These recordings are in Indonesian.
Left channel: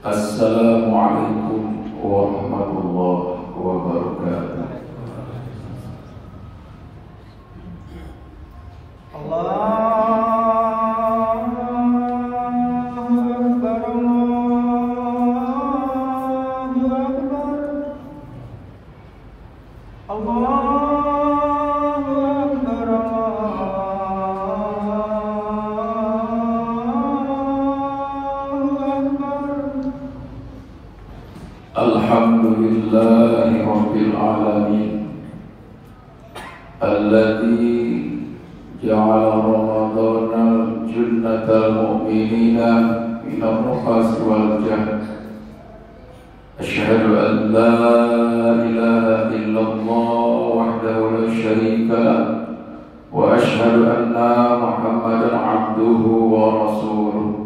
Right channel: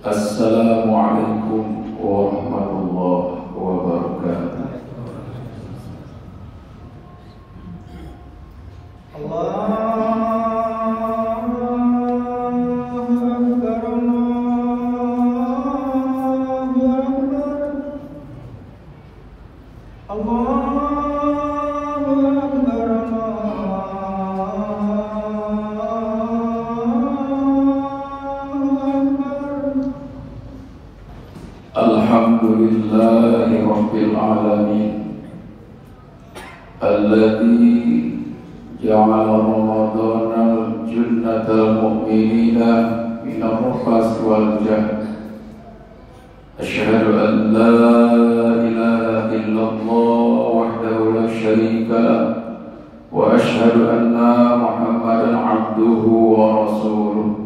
Assalamualaikum warahmatullahi wabarakatuh. Alhamdulillahi Rabbil Alamin Alladhi ja'ala Ramadana junnatal mu'minina minal rafas wal jahl. Asyhadu an la ilaha illallah wahdahu la syarika lah wa asyhadu anna Muhammadan abduhu wa rasuluh.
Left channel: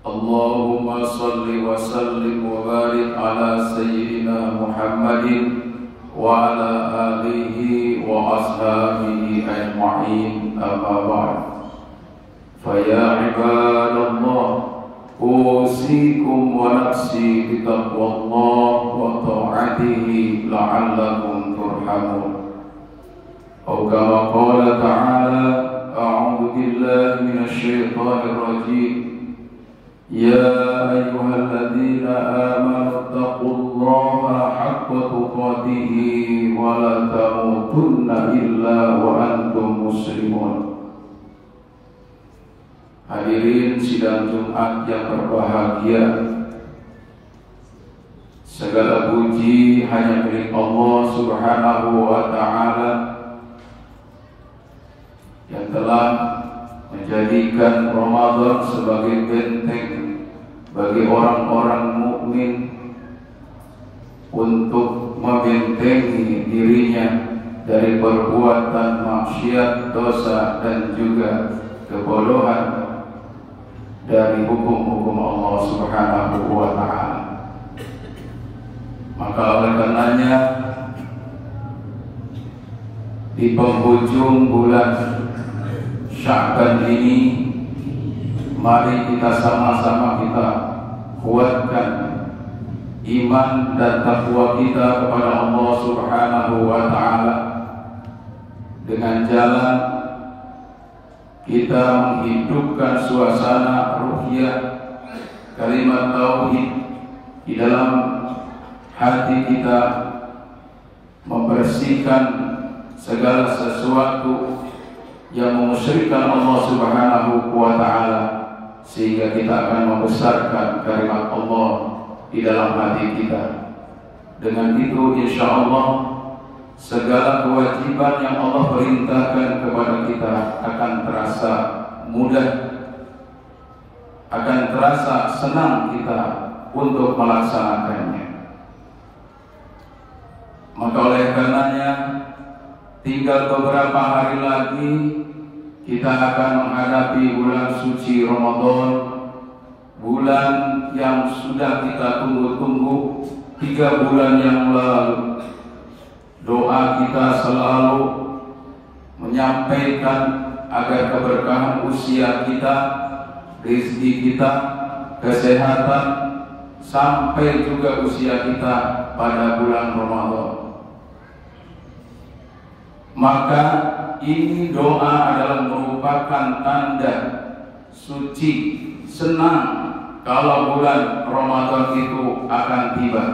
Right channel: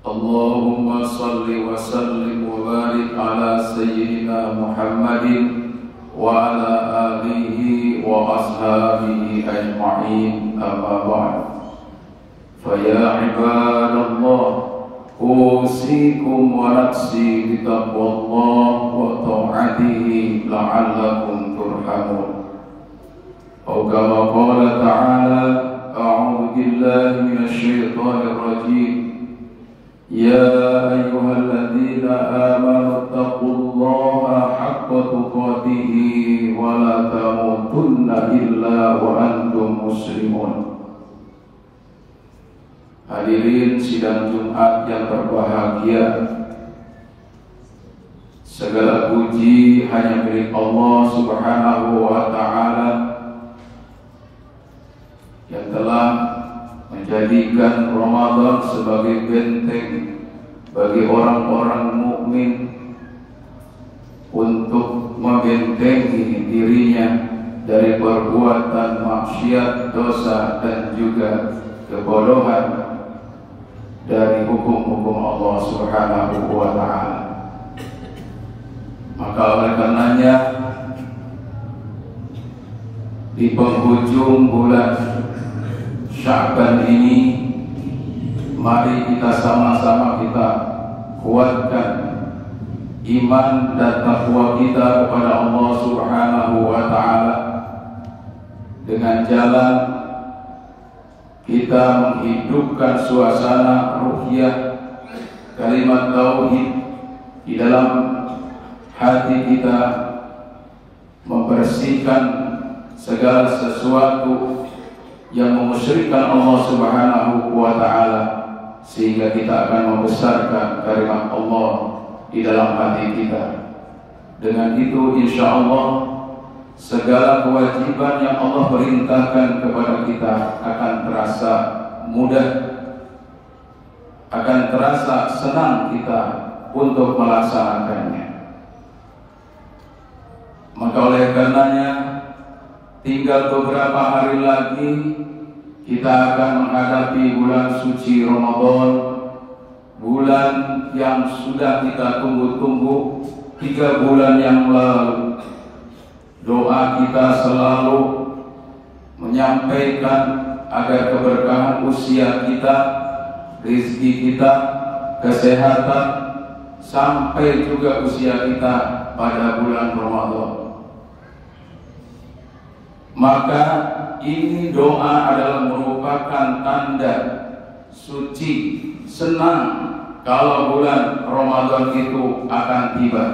Allahumma salli wa sallim wa barik ala sayyidina Muhammadin wa ala alihi wa ashabihi ajma'in, amma ba'd. Fa ya ibadallah, usikum wa nafsi bi taqwallah wa ta'atihi la'allakum turhamun. Atau kama qala ta'ala, a'udzu billahi minasy syaithanir rajim. Ya ayyuhalladzina amanu taqullaha haqqa tuqatih wa la tamutunna illa wa antum muslimun. Hadirin sidang Jumat yang berbahagia, segala puji hanya milik Allah Subhanahu wa ta'ala yang telah menjadikan Ramadan sebagai benteng bagi orang-orang mukmin untuk membentengi dirinya dari perbuatan maksiat, dosa dan juga kebodohan dari hukum-hukum Allah Subhanahu wa ta'ala. Maka oleh karenanya di penghujung bulan Sya'ban ini, mari kita sama-sama kita kuatkan iman dan takwa kita kepada Allah Subhanahu wa ta'ala dengan jalan kita menghidupkan suasana ruhiyah kalimat tauhid di dalam hati kita, membersihkan segala sesuatu yang memusyrikan Allah Subhanahu wa ta'ala, sehingga kita akan membesarkan kalimat Allah di dalam hati kita. Dengan itu insya Allah segala kewajiban yang Allah perintahkan kepada kita akan terasa mudah, akan terasa senang kita untuk melaksanakannya. Maka oleh karenanya tinggal beberapa hari lagi kita akan menghadapi bulan suci Ramadan, bulan yang sudah kita tunggu-tunggu 3 bulan yang lalu. Doa kita selalu menyampaikan agar keberkahan usia kita, rezeki kita, kesehatan, sampai juga usia kita pada bulan Ramadan. Maka ini doa adalah merupakan tanda suci, senang kalau bulan Ramadan itu akan tiba.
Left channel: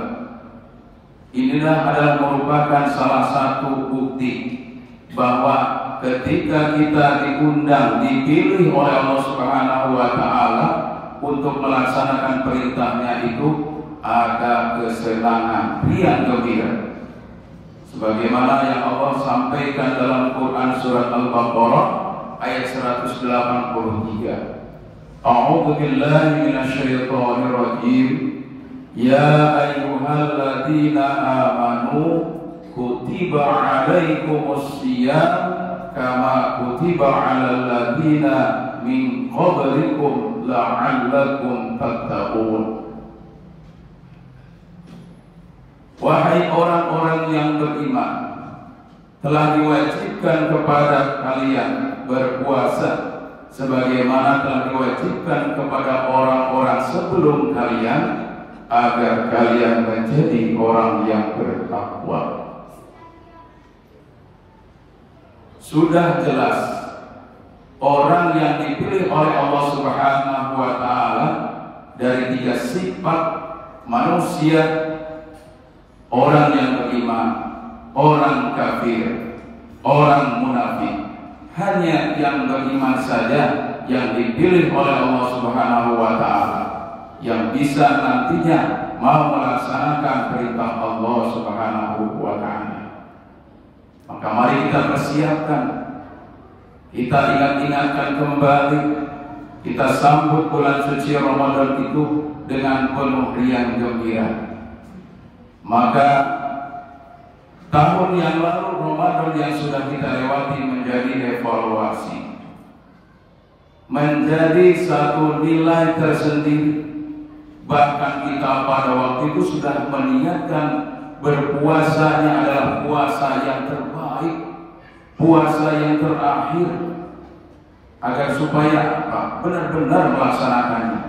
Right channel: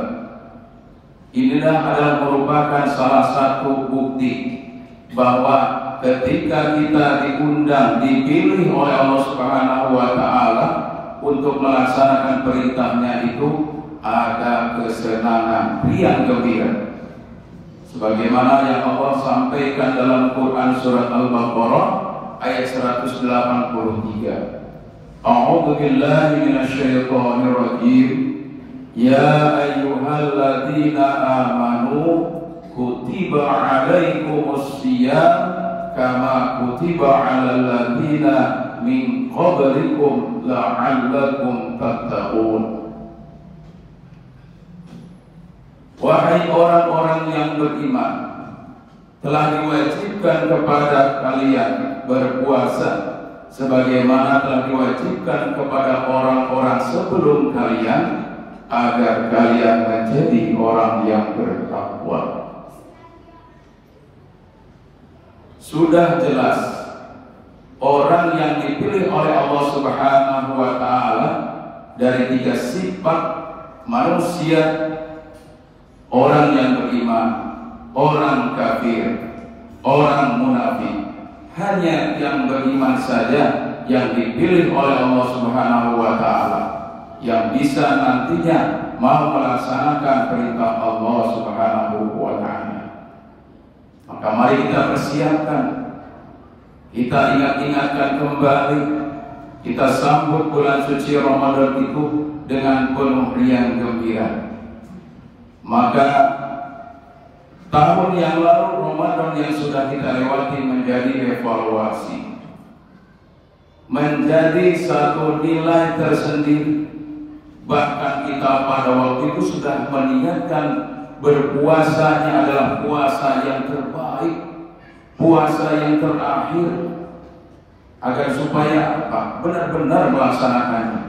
Inilah adalah merupakan salah satu bukti bahwa ketika kita diundang, dipilih oleh Allah Subhanahu wa ta'ala untuk melaksanakan perintahnya itu, ada kesenangan riang gembira. Sebagaimana yang Allah sampaikan dalam Quran surat Al-Baqarah ayat 183. A'udzu billahi minasy syaithanir rajim. Ya ayyuhalladzina amanu kutiba 'alaikumus shiyam kama kutiba 'alal ladzina min qablikum la'allakum tattaqun. Wahai orang-orang yang beriman, telah diwajibkan kepada kalian berpuasa sebagaimana telah diwajibkan kepada orang-orang sebelum kalian, agar kalian menjadi orang yang bertakwa. Sudah jelas orang yang dipilih oleh Allah Subhanahu wa Ta'ala dari 3 sifat manusia, orang yang beriman, orang kafir, orang munafik. Hanya yang beriman saja yang dipilih oleh Allah Subhanahu wa Ta'ala, yang bisa nantinya mau melaksanakan perintah Allah Subhanahu wa Ta'ala. Maka mari kita persiapkan, kita ingat-ingatkan kembali, kita sambut bulan suci Ramadan itu dengan penuh riang gembira. Maka tahun yang lalu, Ramadan yang sudah kita lewati menjadi evaluasi, menjadi satu nilai tersendiri. Bahkan kita pada waktu itu sudah mengingatkan berpuasanya adalah puasa yang terbaik, puasa yang terakhir, agar supaya benar-benar melaksanakannya.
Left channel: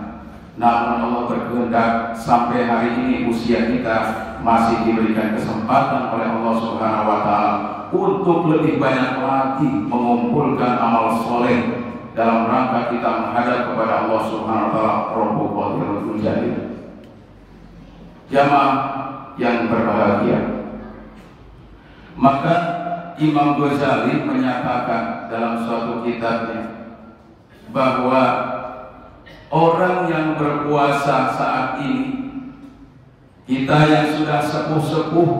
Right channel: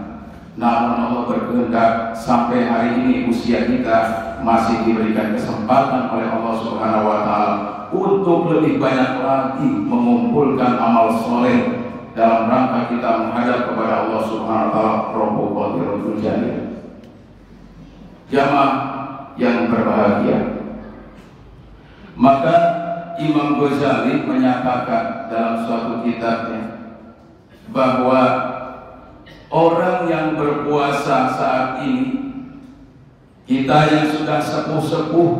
Namun Allah berkehendak sampai hari ini usia kita masih diberikan kesempatan oleh Allah Subhanahu wa Ta'ala untuk lebih banyak lagi mengumpulkan amal soleh dalam rangka kita menghadap kepada Allah Subhanahu wa Ta'ala. Rabbul Qadirul Jalil. Jamaah yang berbahagia, maka Imam Ghazali menyatakan dalam suatu kitabnya bahwa orang yang berpuasa saat ini, kita yang sudah sepuh-sepuh,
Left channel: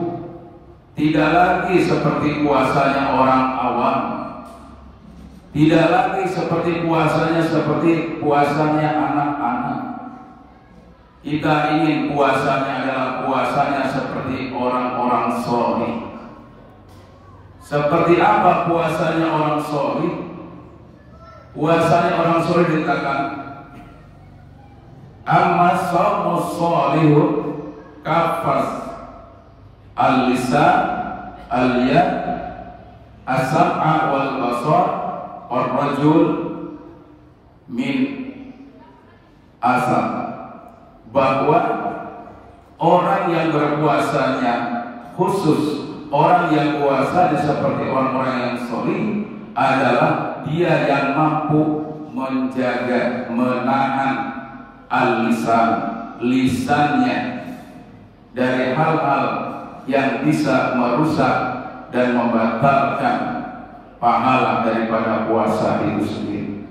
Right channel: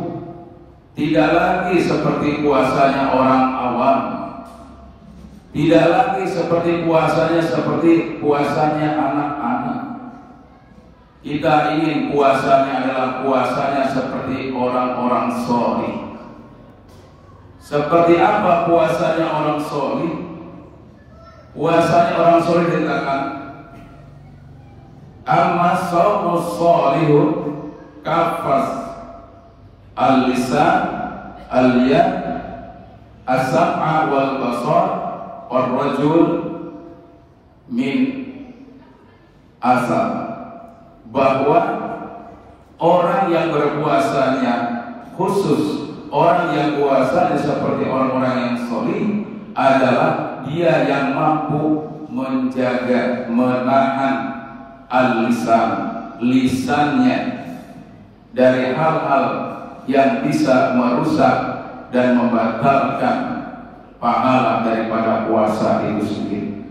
tidak lagi seperti puasanya orang awam, tidak lagi seperti puasanya anak-anak. Kita ingin puasanya adalah puasanya seperti orang-orang sholih. Seperti apa puasanya orang sholih? Puasanya orang sholih dikatakan amma shaumus sholihun kafas al-lisan al-yad as-sam'a wal basar ar-rajul min asal. Bahwa orang yang berpuasanya khusus, orang yang puasanya seperti orang-orang yang sholih adalah dia yang mampu menjaga, menahan al-lisan, lisannya dari hal-hal yang bisa merusak dan membatalkan pahala daripada puasa itu sendiri.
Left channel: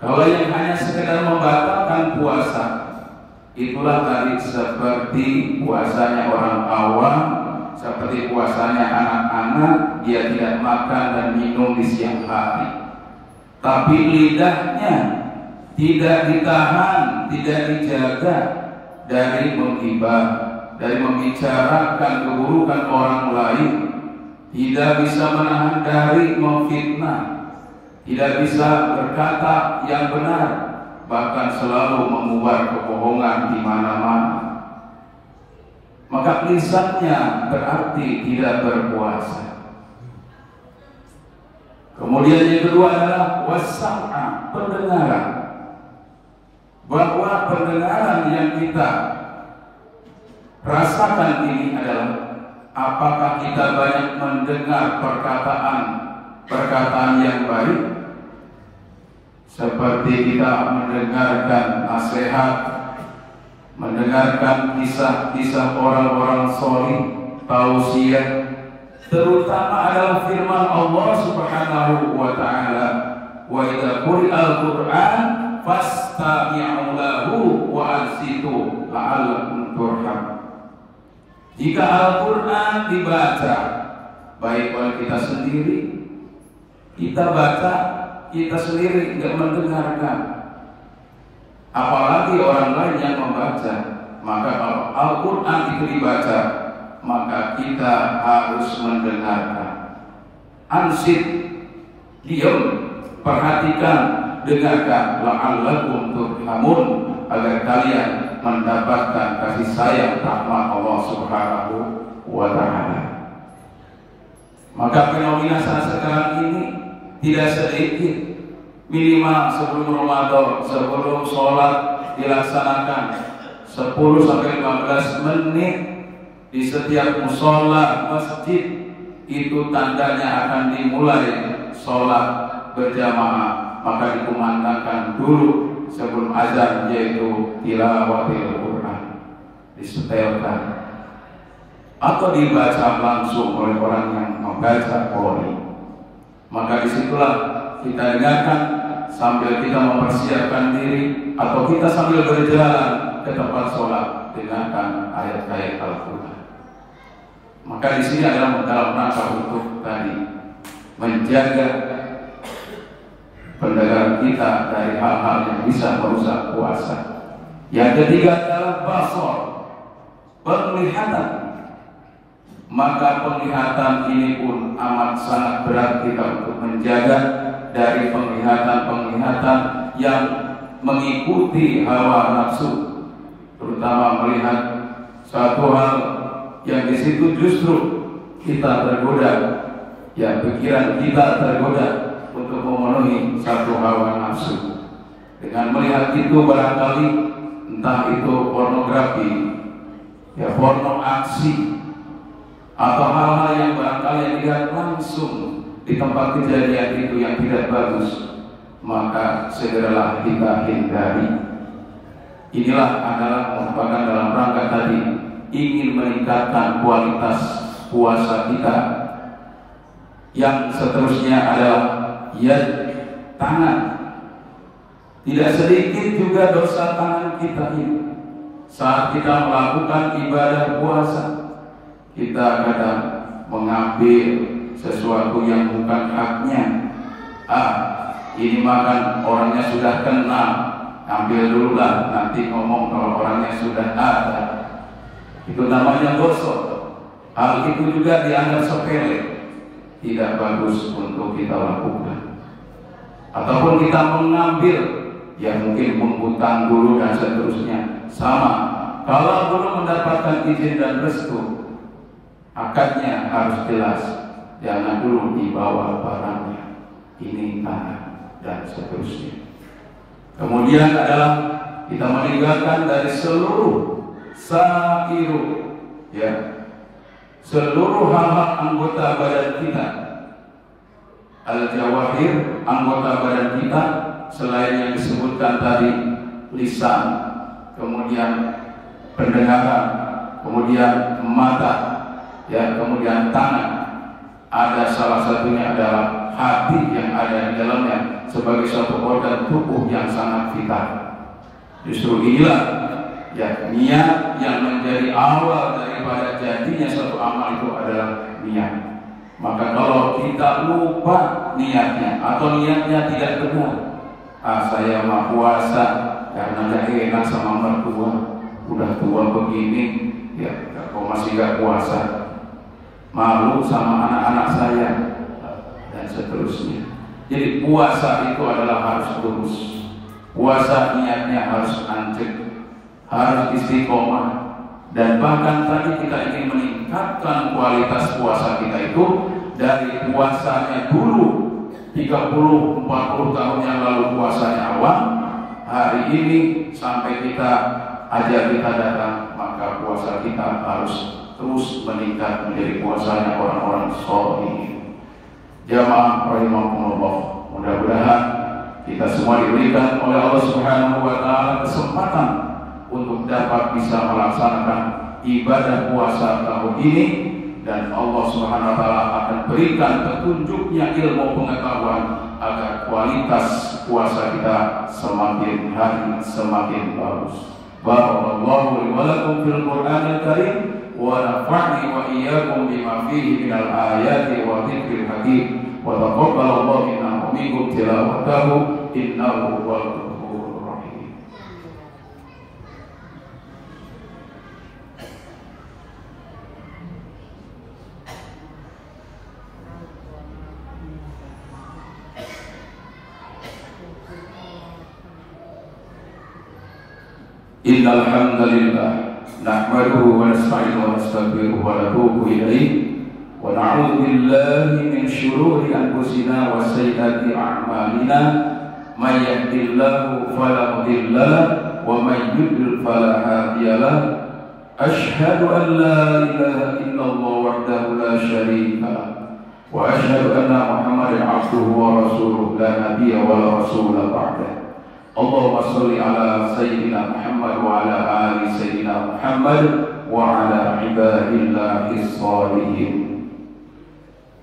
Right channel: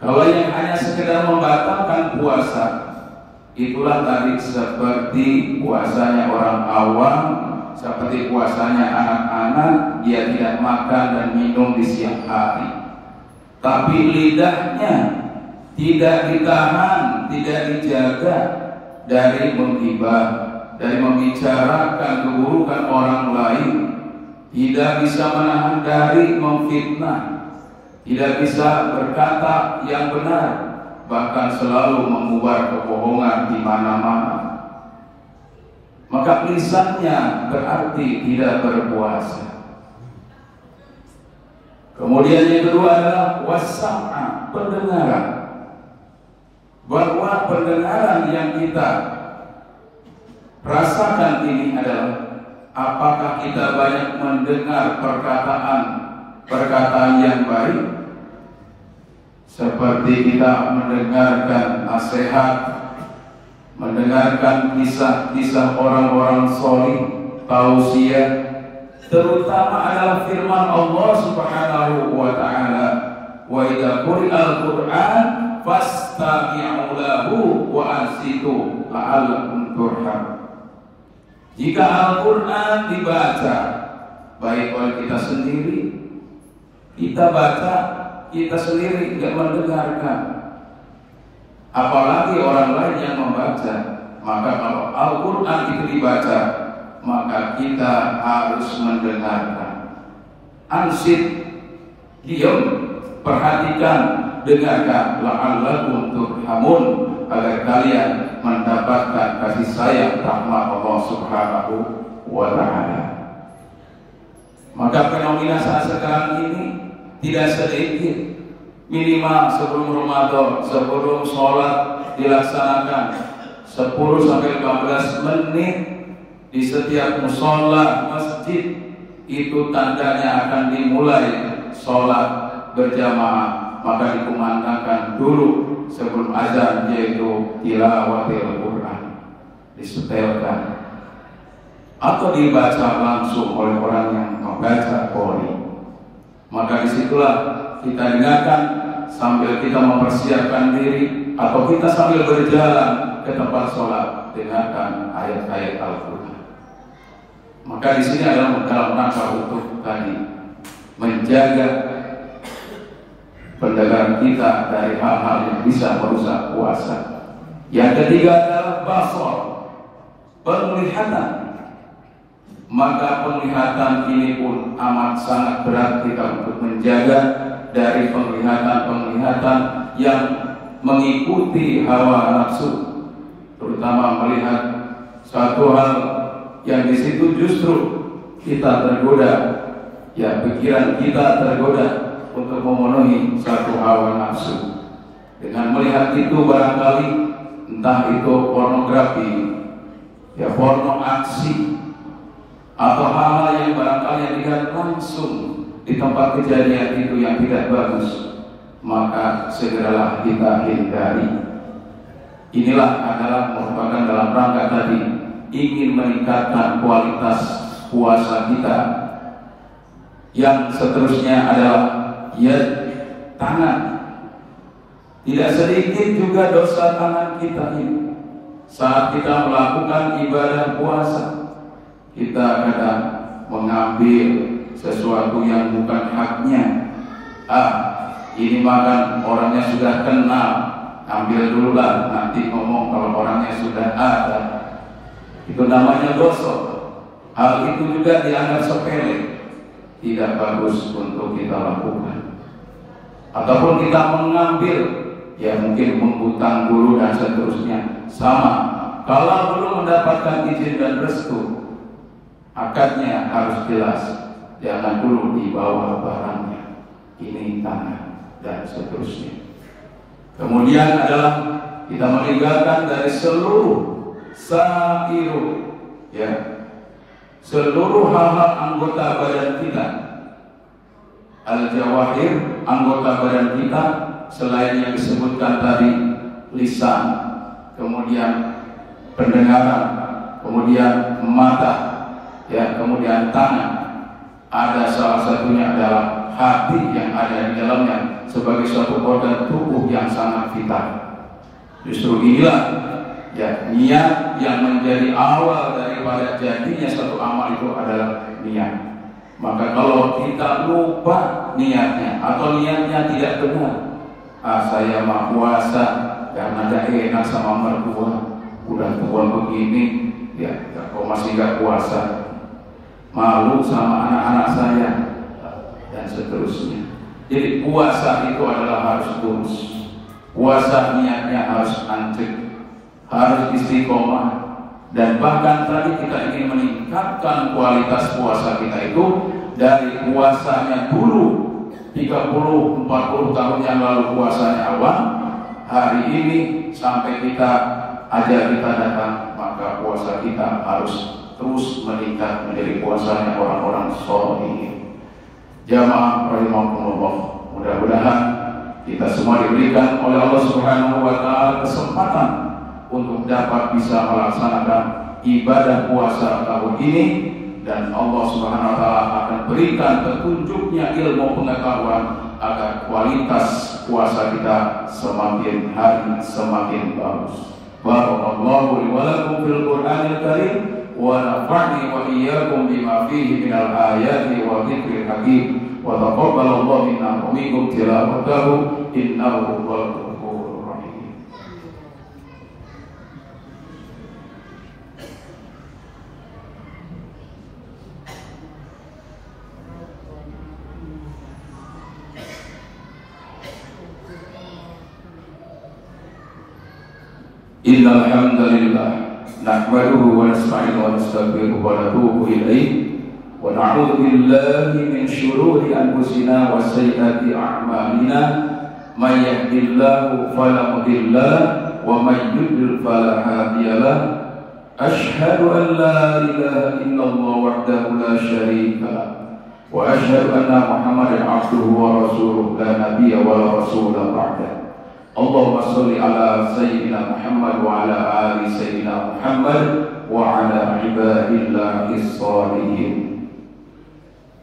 Kalau yang hanya sekedar membatalkan puasa, itulah tadi seperti puasanya orang awam, seperti puasanya anak-anak, dia tidak makan dan minum di siang hari, tapi lidahnya tidak ditahan, tidak dijaga dari menggibah, dari membicarakan keburukan orang lain, tidak bisa menahan dari memfitnah, tidak bisa berkata yang benar, bahkan selalu mengubar kebohongan di mana-mana. Maka lisannya berarti tidak berpuasa. Kemudian yang kedua adalah wasam'a, pendengaran. Bahwa pendengaran yang kita rasakan ini adalah apakah kita banyak mendengar perkataan yang baik, seperti kita mendengarkan nasihat, mendengarkan kisah-kisah orang-orang sholih, tausiah, terutama adalah firman Allah Subhanahu wa Ta'ala, wa idza quri'al Qur'an fastami'u lahu wa ansitu la'allakum turhamun. Jika Al-Quran dibaca, baik oleh kita sendiri, kita baca, kita sendiri tidak mendengarkan, apalagi orang lain yang membaca. Maka kalau Al-Quran itu dibaca, maka kita harus mendengarkan. Ansit, diam, perhatikan, dengarkan, la'allakum turhamun, agar kalian mendapatkan kasih sayang rahmat Allah Subhanahu wa Ta'ala. Maka fenomena saat sekarang ini tidak sedikit minimal sebelum Ramadan, sebelum sholat dilaksanakan 10 sampai 15 menit di setiap mushola masjid, itu tandanya akan dimulai sholat berjamaah. Maka dikumandangkan dulu sebelum azan, yaitu tilawatil Quran, disetelkan atau dibaca langsung oleh orang yang membaca qori. Maka disitulah kita dengarkan sambil kita mempersiapkan diri, atau kita sambil berjalan ke tempat sholat, dengarkan ayat-ayat Al-Quran. Maka di sini adalah dalam rangka untuk tadi menjaga pendengaran kita dari hal-hal yang bisa merusak puasa. Yang ketiga adalah basar, penglihatan. Maka penglihatan ini pun amat sangat berat kita untuk menjaga dari penglihatan-penglihatan yang mengikuti hawa nafsu, terutama melihat satu hal yang di situ justru kita tergoda, ya pikiran kita tergoda untuk memenuhi satu hawa nafsu. Dengan melihat itu barangkali entah itu pornografi, ya porno aksi, atau hal-hal yang barangkali dilihat langsung di tempat kejadian itu yang tidak bagus, maka segeralah kita hindari. Inilah adalah merupakan dalam rangka tadi ingin meningkatkan kualitas puasa kita. Yang seterusnya adalah yad, tangan. Tidak sedikit juga dosa tangan kita ini saat kita melakukan ibadah puasa. Kita kadang mengambil sesuatu yang bukan haknya. Ini makan orangnya sudah kenal, ambil dulu lah, nanti ngomong kalau orangnya sudah ada. Itu namanya dosa. Hal itu juga dianggap sepele, tidak bagus untuk kita lakukan. Ataupun kita mengambil, ya mungkin menghutang dulu dan seterusnya. Sama, kalau belum mendapatkan izin dan restu, akadnya harus jelas, jangan dulu dibawa barangnya, ini tanah dan seterusnya. Kemudian adalah kita meninggalkan dari seluruh sa'iru, ya, seluruh hal-hal anggota badan kita, al-jawahir, anggota badan kita, selain yang disebutkan tadi, lisan, kemudian pendengaran, kemudian mata, ya, kemudian tangan, ada salah satunya adalah hati yang ada di dalamnya sebagai suatu organ tubuh yang sangat vital. Justru inilah, ya, niat yang menjadi awal daripada jadinya satu amal itu adalah niat. Maka kalau kita lupa niatnya atau niatnya tidak benar, saya mau puasa karena gak enak sama mertua, udah tua begini, ya kok masih gak puasa, malu sama anak-anak saya, dan seterusnya. Jadi puasa itu adalah harus lurus. Puasa niatnya harus ancek, harus istiqomah. Dan bahkan tadi kita ingin meningkatkan kualitas puasa kita itu dari puasanya dulu 30-40 tahun yang lalu puasanya awam, hari ini sampai kita datang, maka puasa kita harus terus meningkat menjadi puasanya orang-orang sholih. Jamaah rahimahumullah, mudah-mudahan kita semua diberikan oleh Allah Subhanahu wa taala kesempatan untuk dapat bisa melaksanakan ibadah puasa tahun ini, dan Allah Subhanahu wa taala akan berikan petunjuknya ilmu pengetahuan agar kualitas puasa kita semakin hari semakin bagus. Barakallahu li wa lakum fil Qur'anil Karim wa nafa'ni wa iyyakum bima fihi minal ayati wa dzikril hakim wa taqabbalallahu minna wa minkum tilawatahu innahu huwal ghafurur rahim. Innal hamdalillah nahmaduhu wa nasta'inuhu wa nastaghfiruhu wa natubu ilayhi wa na'udzu billahi min shururi anfusina wa sayyiati a'malina may yahdihillahu fala mudilla lahu wa may yudlil fala hadiya lahu. Asyhadu an la ilaha illallah wahdahu la syarika lahu wa asyhadu anna Muhammadan abduhu wa rasuluhu la nabiyya wa la rasula ba'dahu. Allahumma sholli ala sayyidina Muhammad wa ala ali sayyidina Muhammad wa ala ibadillahis sholihin.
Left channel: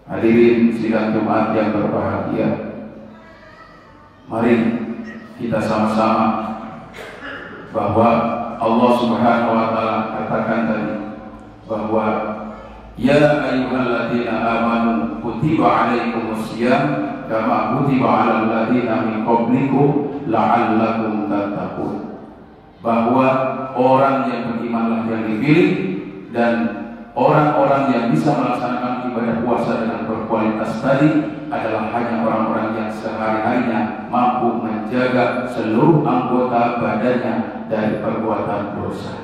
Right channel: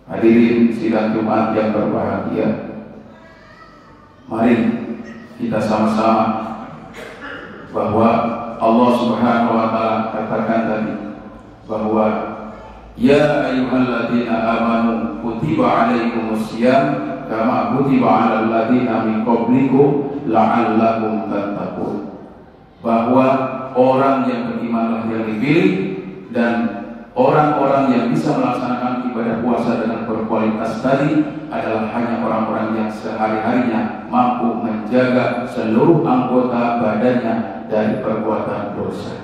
Hadirin sidang Jumat yang berbahagia, mari kita sama-sama bahwa Allah Subhanahu wa taala katakan tadi bahwa ya ayyuhalladzina amanu kutiba alaikumusiyam kama kutiba alal ladzina min qablikum la'allakum tattaqun. Bahwa orang yang berimanlah yang dipilih, dan orang-orang yang bisa melaksanakan ibadah puasa dengan berkualitas tadi adalah hanya orang-orang yang sehari-harinya mampu menjaga seluruh anggota badannya dari perbuatan dosa,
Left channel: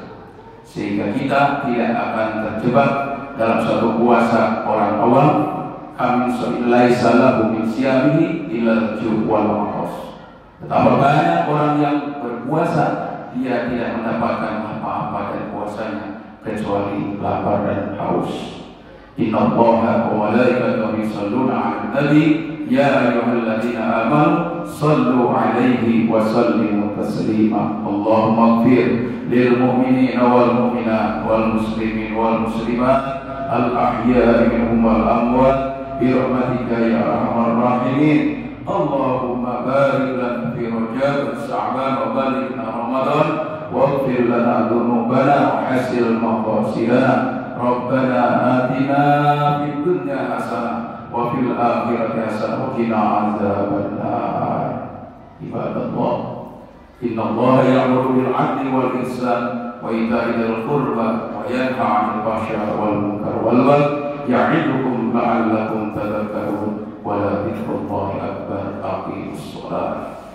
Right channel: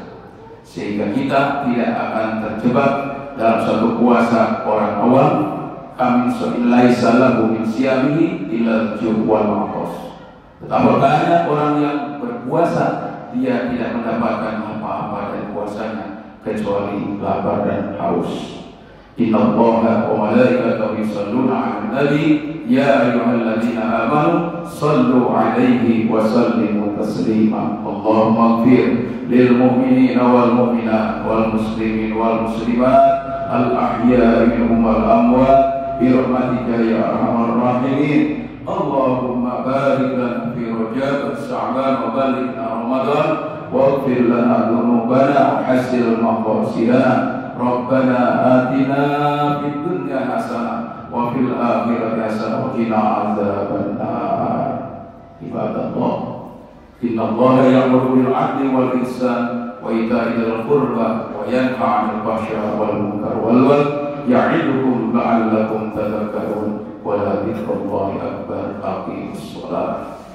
sehingga kita tidak akan terjebak dalam suatu puasa orang awam. Laisa lahu min siyamihi illa al-ju' wal 'athas. Betapa banyak orang yang berpuasa, dia tidak mendapatkan apa-apa dari puasanya kecuali lapar dan haus. Innallaha wa malaikatahu yusholluna 'alan nabi ya ayyuhalladzina amanu shallu 'alaihi wa sallimu taslima. Allahumma ighfir lil mu'minina wal mu'minat wal muslimin wal muslimat al ahya'i minhum wal amwat bi rahmatika ya arhamar rahimin. Allahumma barik lana fi Rajab, Sya'ban wa balighna Ramadan waghfir lana dhunubana wa hasil maqasidana. Rabbana atina fid dunya hasanah wa fil akhirati hasanah wa qina adzabannar. Ibadallah, innallaha ya'muru bil 'adli wal ihsan wa ita'i dzil qurba wa yanha 'anil fahsya'i wal munkar wal baghi ya'idukum la'allakum tadhakkarun. Wa la dzikrullahi akbar. Aqimus shalah.